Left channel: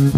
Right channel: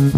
Hello,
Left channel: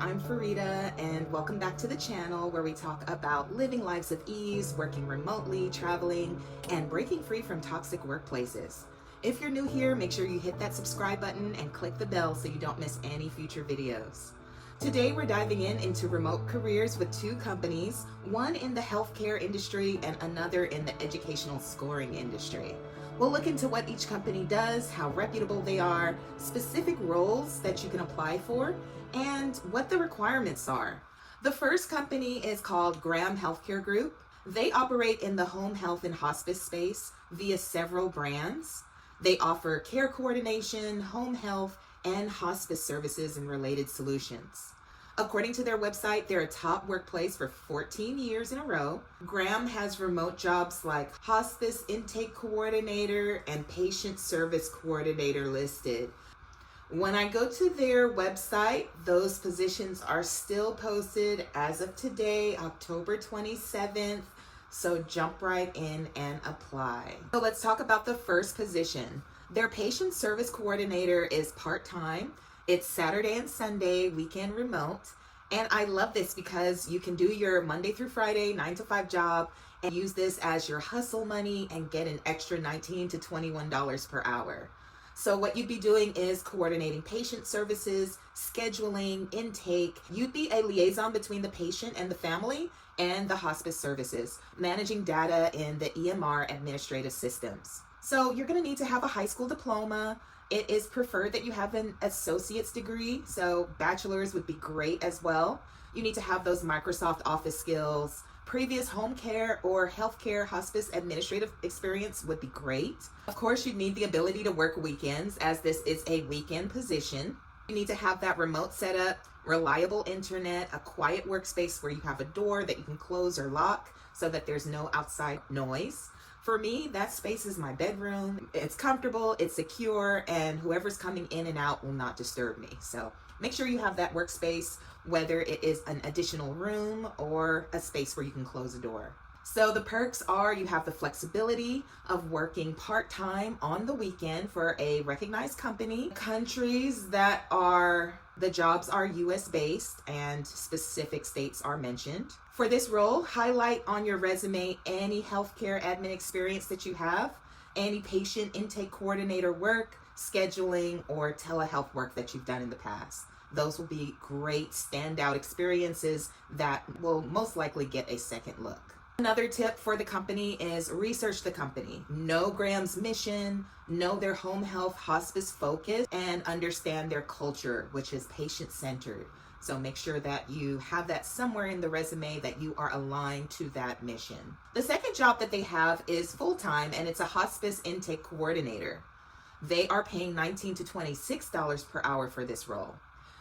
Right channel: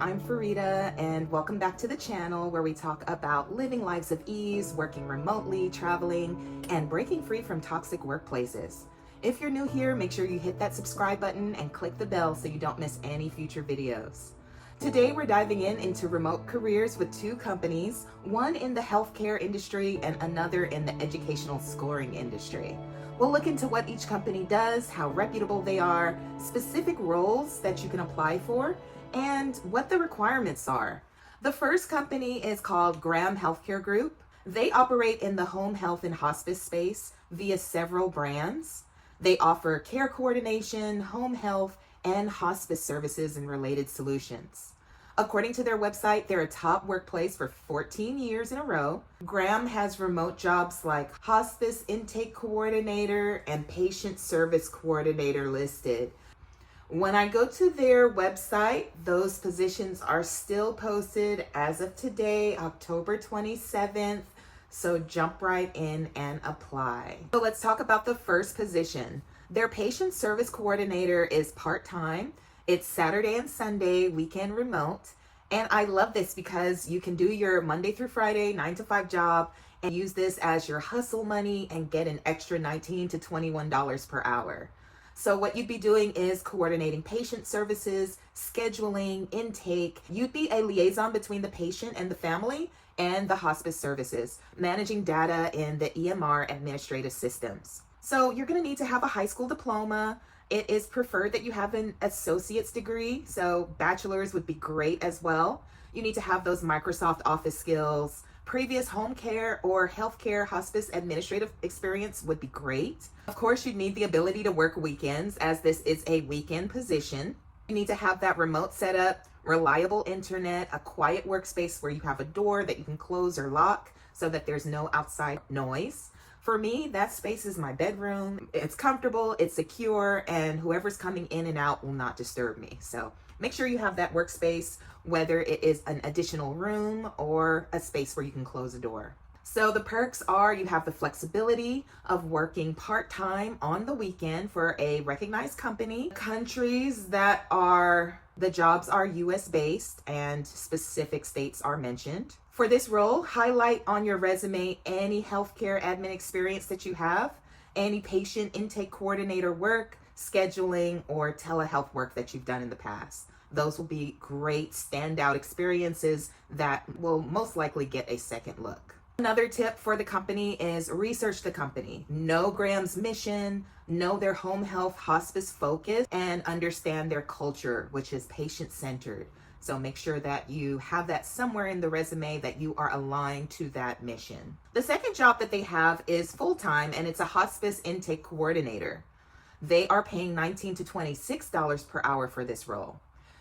I'm Farida, and welcome back to the channel where we talk about living lives of ease, working remotely, traveling, and breaking free from toxic workplaces. If you're new here, make sure you hit that subscribe button and click the bell so you don't miss any future videos. Today, we're diving into remote careers with two companies, one in the healthcare industry and another in the educational scoring industry. We'll look into what each company does, how reputable they are, specific roles that you can apply for, and what the requirements are. The first company is called Graham Healthcare Group. They operate in the home health and hospice space via several brands. They offer care coordination, home health, and hospice services and related solutions. According to their website, they're a top workplace for 14 years in a row. Graham has remote jobs like hospice intake coordinator and patient service coordinator listed. When I go to their website, those positions are still posted as of today, October 27th. So jump right in and apply. So let's talk about the first position. Their patient service coordinator is part-time. It's Saturday and Sunday, weekend remote. And I love this because you can do your Monday through Friday 9 to 5 job and use this as your hustle money and get an extra $19 to $21 per hour. So what you'd be doing is coordinating patient services, scheduling, intake. You'd be a liaison between the patient and the family and the hospice services, managing data in the EMR administrative systems. So you're going to need to have a high school diploma. It is preferred that you have an associate's degree, so bachelor's would be great as well. You need to have those Microsoft Office skills. Previous home care or healthcare hospice administrative experience would be great. Of course, you'd need the ability to work weekends, as this is a weekend position. You need to have that remote setup, reliable internet, a quiet workspace where you have a door that you can close or lock so that there's no outside noise. For me, that space is my bedroom. It's comfortable, it's secure, and whoever's coming in and out will not disturb me. So make sure you have that workspace, whether it is an additional room or a space where you can close a door. So the perks are you have the flexibility of working part-time on the weekend for a recognized company. Countries that the jobs are US based and specific states are mentioned. For this role, highlight on your resume any healthcare admin experience that you have, any patient intake coordinator work, scheduling, or telehealth work that you've done in the past. Those will be great standout experiences that will most likely get a second look. Another tip for the company is research the company. Know Graham's mission, know their home health hospice focus, and understand their culture, which is patient-centered. So make sure that you have that somewhere in the resume that you are aligned to that mission. The second job that they have is full-time, and it's a hospice intake coordinator. They are paying $19 to $26 per hour for this role.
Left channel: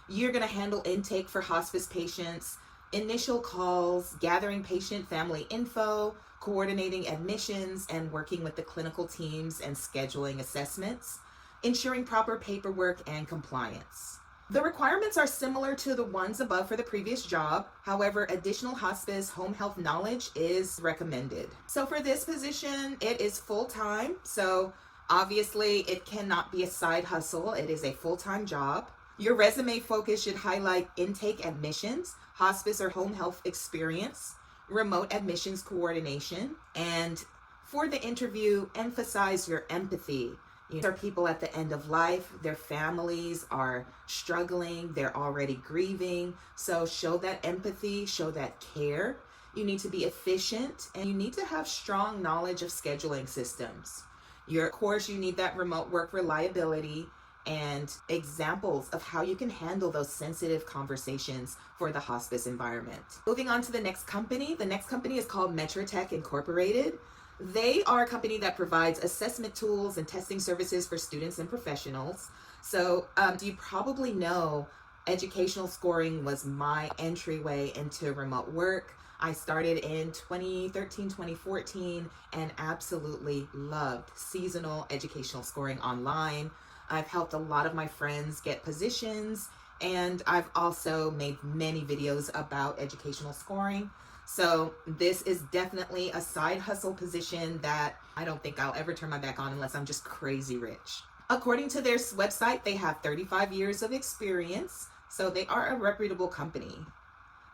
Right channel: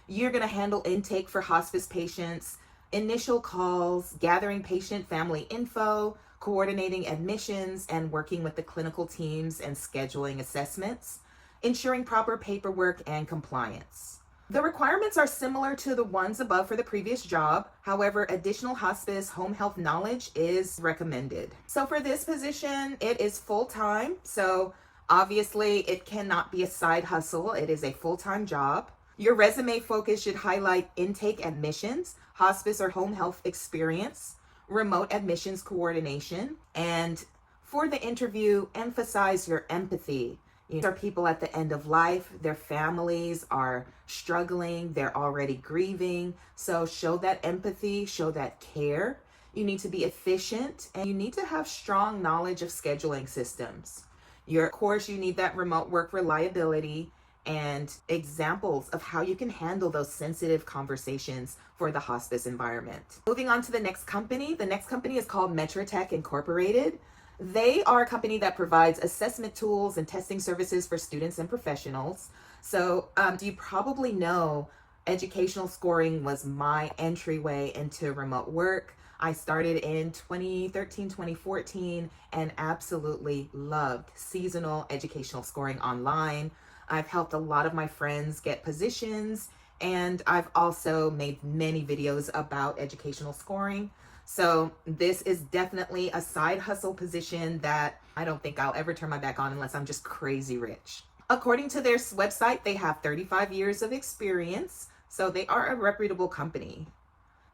You're going to handle intake for hospice patients, initial calls, gathering patient family info, coordinating admissions, and working with the clinical teams and scheduling assessments, ensuring proper paperwork and compliance. The requirements are similar to the ones above for the previous job. However, additional hospice home health knowledge is recommended. So for this position, it is full-time. So obviously it cannot be a side hustle. It is a full-time job. Your resume focus should highlight intake admissions, hospice or home health experience, remote admissions coordination, and for the interview, emphasize your empathy. These are people at the end of life. Their families are struggling. They're already grieving. So show that empathy, show that care. You need to be efficient, and you need to have strong knowledge of scheduling systems. Of course, you need that remote work reliability and examples of how you can handle those sensitive conversations for the hospice environment. Moving on to the next company. The next company is called Metrotech Incorporated. They are a company that provides assessment tools and testing services for students and professionals. So you probably know educational scoring was my entryway into remote work. I started in 2013, 2014, and absolutely loved seasonal educational scoring online. I've helped a lot of my friends get positions, and I've also made many videos about educational scoring. So this is definitely a side hustle position that I don't think I'll ever turn my back on unless I'm just crazy rich. According to their website, they have 35 years of experience, so they are a reputable company.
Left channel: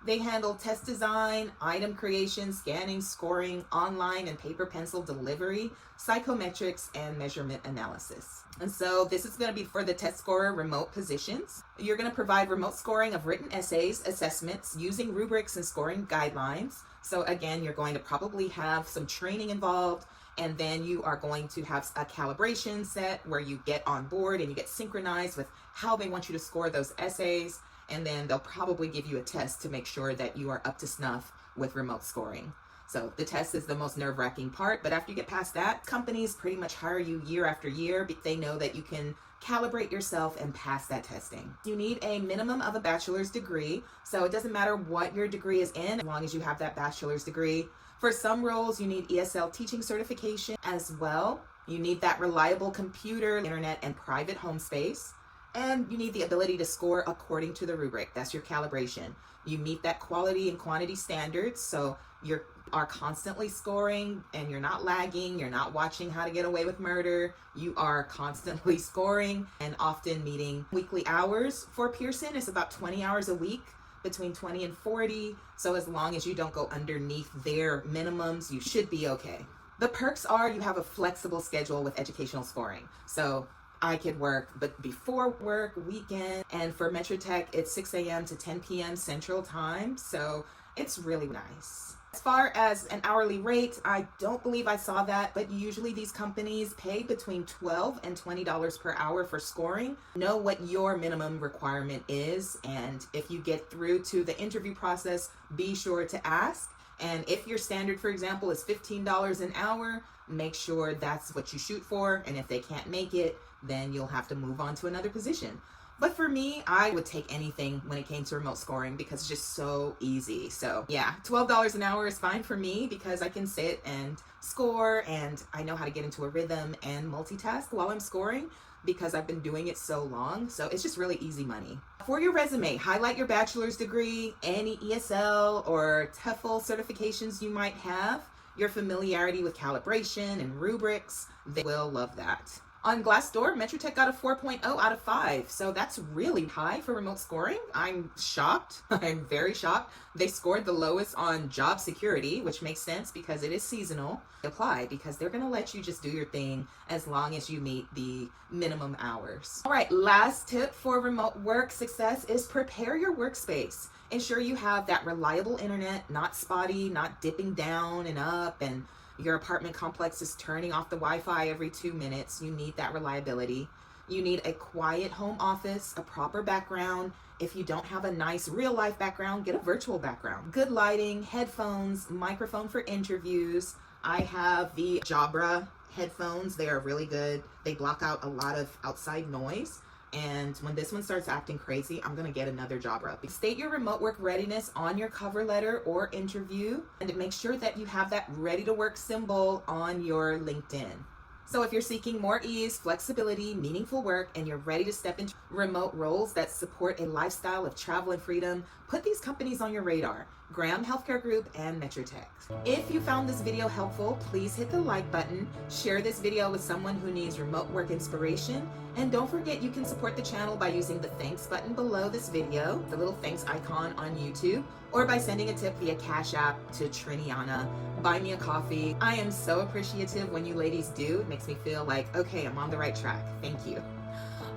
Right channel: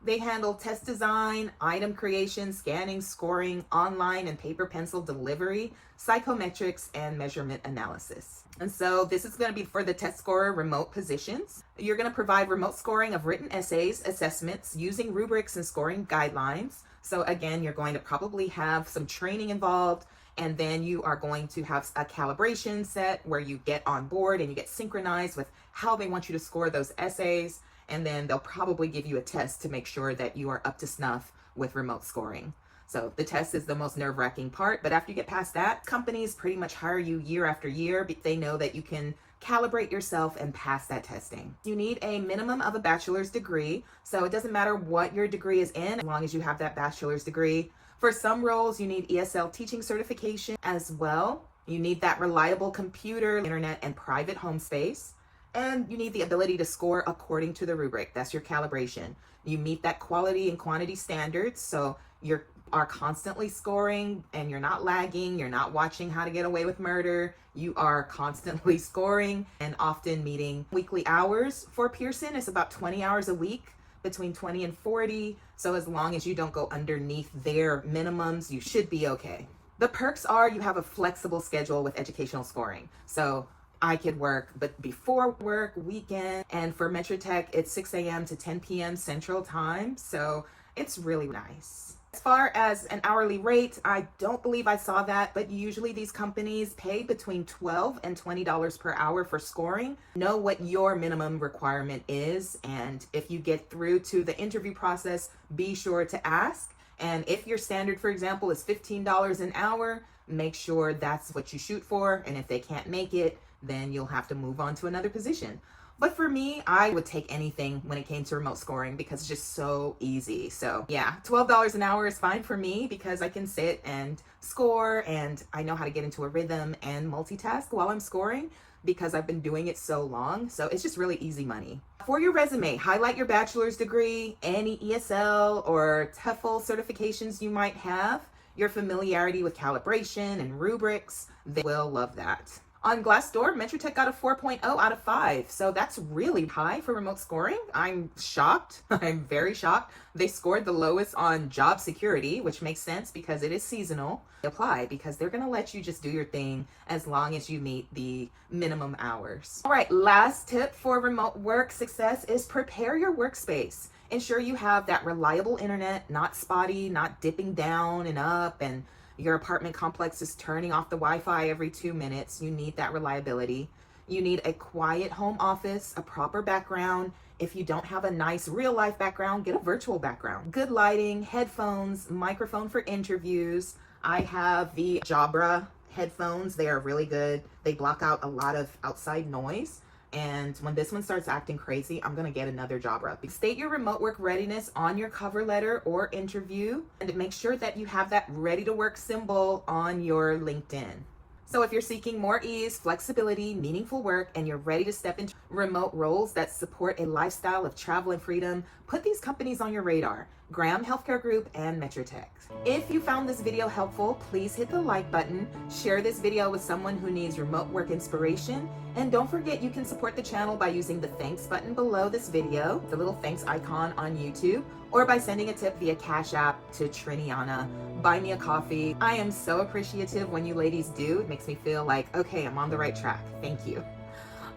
They handle test design, item creation, scanning, scoring, online and paper pencil delivery, psychometrics, and measurement analysis. And so this is going to be for the test scorer remote positions. You're going to provide remote scoring of written essays, assessments, using rubrics and scoring guidelines. So again, you're going to probably have some training involved, and then you are going to have a calibration set where you get on board and you get synchronized with how they want you to score those essays. And then they'll probably give you a test to make sure that you are up to snuff with remote scoring. So the test is the most nerve-wracking part, but after you get past that, companies pretty much hire you year after year because they know that you can calibrate yourself and pass that testing. You need a minimum of a bachelor's degree, so it doesn't matter what your degree is in as long as you have that bachelor's degree. For some roles, you need ESL teaching certification as well. You need that reliable computer, internet, and private home space. And you need the ability to score according to the rubric. That's your calibration. You meet that quality and quantity standards, so you are constantly scoring and you're not lagging. You're not watching How to Get Away with Murder. You are constantly scoring and often meeting weekly hours. For Pearson, it's about 20 hours a week, between 20 and 40. So as long as you don't go underneath their minimums, you should be okay. The perks are you have a flexible schedule with educational scoring. So I could work, but before work, weekend, and for Metro Tech, it's 6 a.m. to 10 p.m. Central Time, so it's really nice. As far as an hourly rate, I don't believe I saw that, but usually these companies pay between $12 and $20 per hour for scoring. Know what your minimum requirement is, and if you get through to the interview process, be sure to ask. And if your standard, for example, is $15 an hour, make sure that's what you shoot for, and if they can't make it, then you'll have to move on to another position. But for me, I would take anything when it came to remote scoring because it's just so easy. So yeah, $12 an hour is fine for me because I can sit and score and I know how to get into a rhythm and multitask while I'm scoring because I've been doing it so long. So it's just really easy money. For your resume, highlight your bachelor's degree, any ESL or TEFL certifications you might have, your familiarity with calibration and rubrics. They will love that. On Glassdoor, Metro Tech got a 4.0 out of 5, so that's really high for remote scoring. I'm shocked. I'm very shocked. They scored the lowest on job security, which makes sense because it is seasonal. Apply because they're going to let you just do your thing as long as you meet the minimum hours. All right, last tip for remote work success is prepare your workspace. Ensure you have that reliable internet, not spotty, not dipping down and up, and your apartment complex is turning off the Wi-Fi every 2 minutes. You need that reliability. You need a quiet home office, a proper background. If you don't have a nice real life background, get a virtual background. Good lighting, headphones, microphone for interviews. I have the Jabra headphones. They are really good. They block out a lot of outside noise. And when this one starts acting crazy, I'm going to get another Jabra. State your remote work readiness on your cover letter or interview, and make sure that you have that ready to work symbol on your LinkedIn. So if you're seeking more ease, flexibility, meaningful work, and you're ready to step into remote roles that support a lifestyle of travel and freedom, put these companies on your radar: Graham Healthcare Group and Metro Tech. If you found this video helpful, please hit the like button, share this video with someone who needs remote work inspiration, and don't forget you can support the channel by using the thanks button below this video, the little thanks icon on YouTube, or by sending a tip via Cash App to Triniana. Buy me a coffee. I am so appreciative when you ladies do. It makes me feel like, okay, I'm on the right track. Thank you.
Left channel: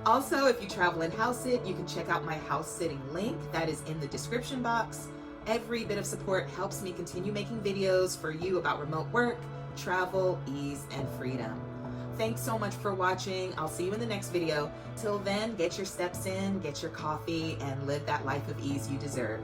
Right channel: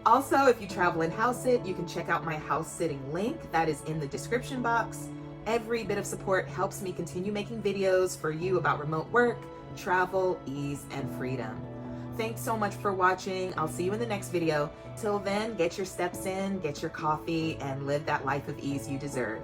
Also, if you travel and house sit, you can check out my house sitting link that is in the description box. Every bit of support helps me continue making videos for you about remote work, travel, ease, and freedom. Thanks so much for watching. I'll see you in the next video. Till then, get your steps in, get your coffee, and live that life of ease you deserve.